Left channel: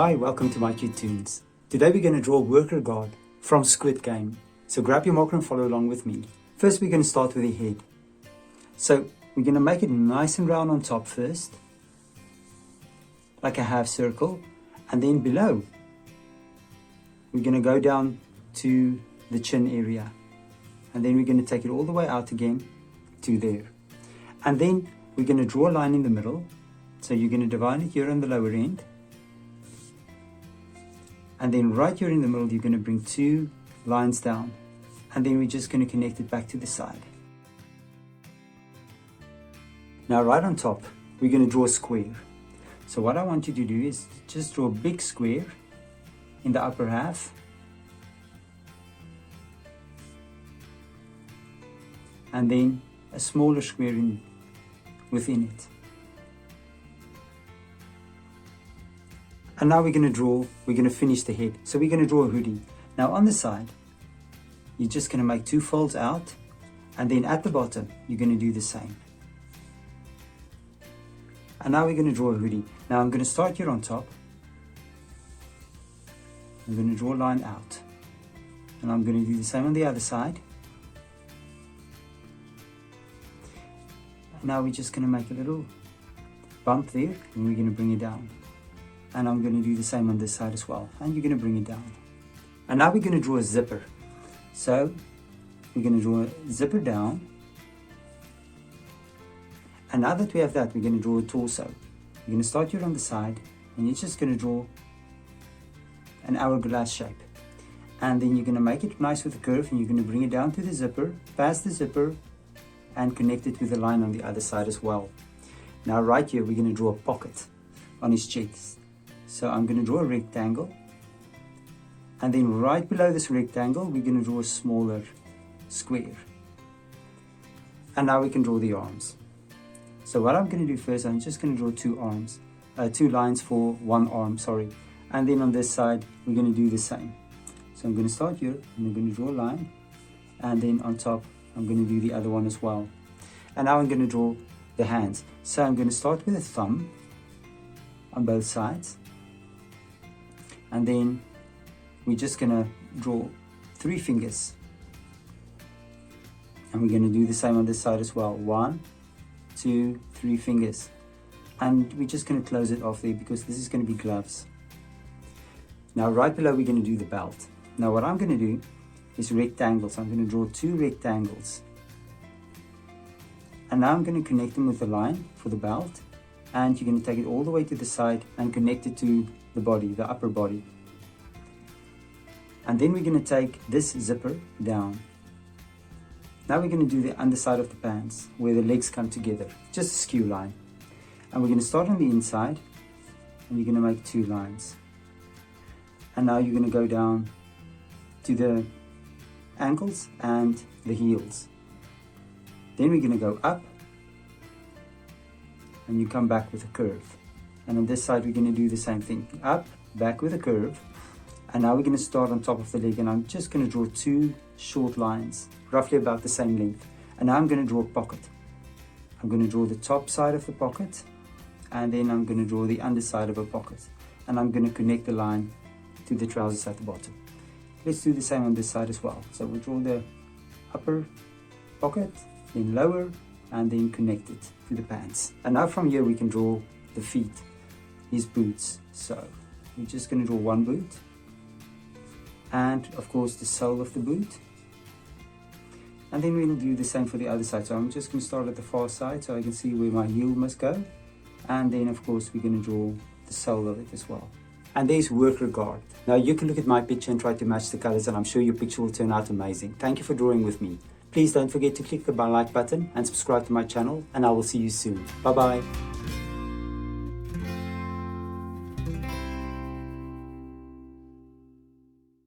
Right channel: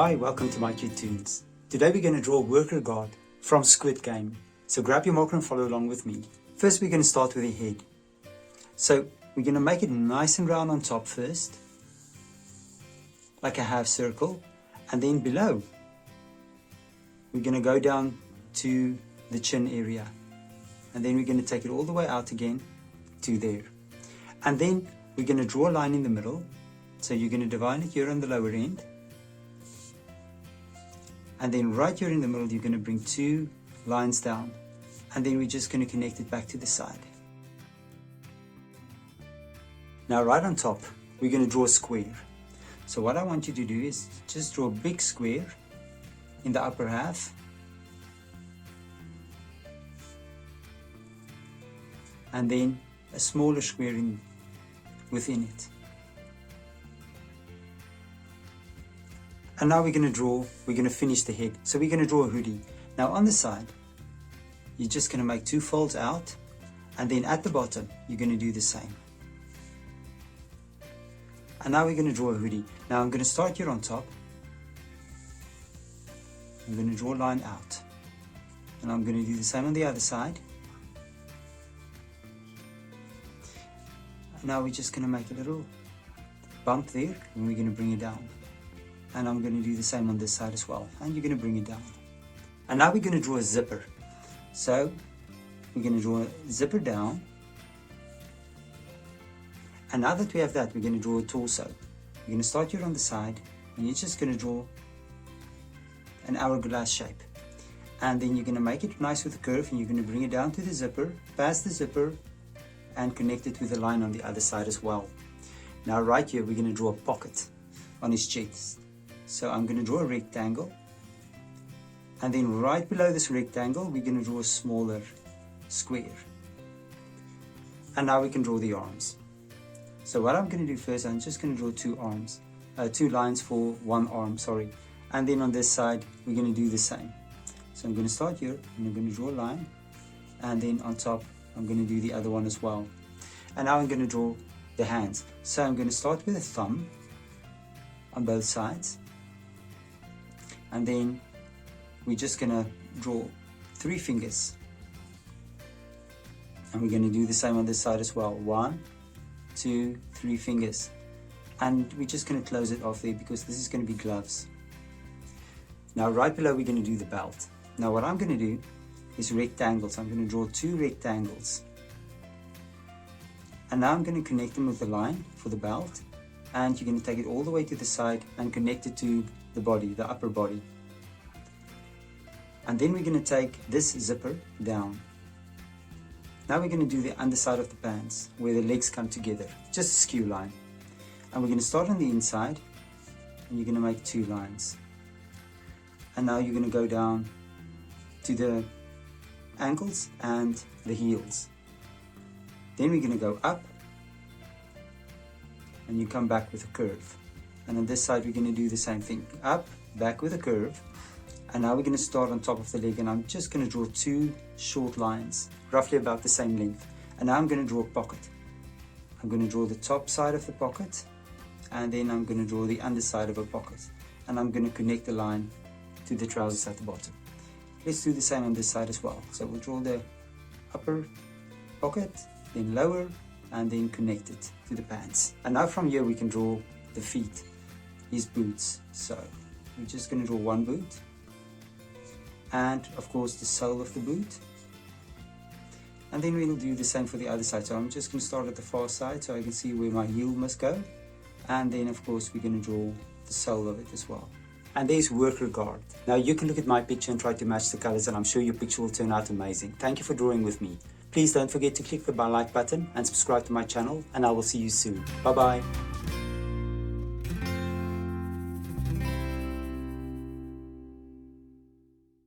Hi, welcome to mycutetoons. Today we're going to draw a worker guard from Squid game. So grab your marker and follow along with me. First we're going to start with the head. So we're going to make it nice and round on top first, like a half circle, and then below we're going to go down to the chin area, and then we're going to take it all the way out again to there, and then we're going to draw a line in the middle. So you're going to divide it here on the lower end, and then right here in the middle you're going to bring two lines down, and then we're just going to connect it back to the side. Now right on top we're going to draw a square. So what I want you to do is just draw a big square in the upper half, and then a smaller square within it. And now we're going to finish the head. So we're going to draw a hoodie. Now on the side, you're just going to make two folds out, and then at the bottom, you're going to do the same. And now we're going to draw a hoodie. Now I'm going to start here on top. I'm going to draw a line out. And I'm going to do the same on the other side. And now we're just going to make a little bump there, and we're going to bring it down. And I'm going to do the same on this side as well, and you're going to bring it down. And now we're going to draw a zipper. So we're going to draw a zipper down, and now that we have that, we're going to draw a torso. You're going to start here on the side, and you're just going to draw an hourglass shape, and then you're going to make it nice with a curve, and you're going to bring it down to the zipper, past the zipper, and connect it with a line on the other side as well. Now right here we're going to draw a pocket on his chest. So I'm going to draw a rectangle, and then right below this rectangle we're going to draw a smaller square. And now we can draw the arms. So what I'm going to do first, I'm just going to draw two lines for one arm, and then on this side we're going to do the same. So I'm going to start here, and I'm going to draw a line, and then on top I'm going to do the other one as well. And now I'm going to draw the hands. So I'm going to start with a thumb on both sides, and then we're just going to draw 3 fingers, and we're going to do the same on this side as well. 1, 2, 3 fingers, and we're just going to close it off there because this is going to be gloves. Now right below we're going to do the belt. Now what I'm going to do is rectangles. I'm going to draw 2 rectangles, and now I'm going to connect them with a line for the belt, and you're going to take it all the way to the side and connect it to the body, the upper body. And then we're going to take this zipper down. Now we're going to do the underside of the pants where the legs come together, just a skew line. And we're going to start on the inside, and you're going to make 2 lines. And now you're going to go down to the ankles and the heels. Then we're going to go up, and you come back with a curve. And on this side we're going to do the same thing, up, back with a curve. And now we're going to start on top of the leg, and I'm just going to draw 2 short lines, roughly about the same length. And now I'm going to draw a pocket. I'm going to draw the top side of the pocket, and then I'm going to draw the underside of a pocket, and I'm going to connect the line to the trousers at the bottom. Let's do the same on this side as well. So we'll draw the upper pocket, then lower, and then connect it to the pants. And now from here we can draw the feet, his boots. So we're just going to draw 1 boot, and of course the sole of the boot. And then we'll do the same for the other side. So I'm just going to start at the far side so I can see where my heel must go, and then of course we're going to draw the sole of it as well. And there's worker guard. Now you can look at my picture and try to match the colors, and I'm sure your picture will turn out amazing. Thank you for drawing with me. Please don't forget to click the like button and subscribe to my channel, and I will see you soon. Bye bye.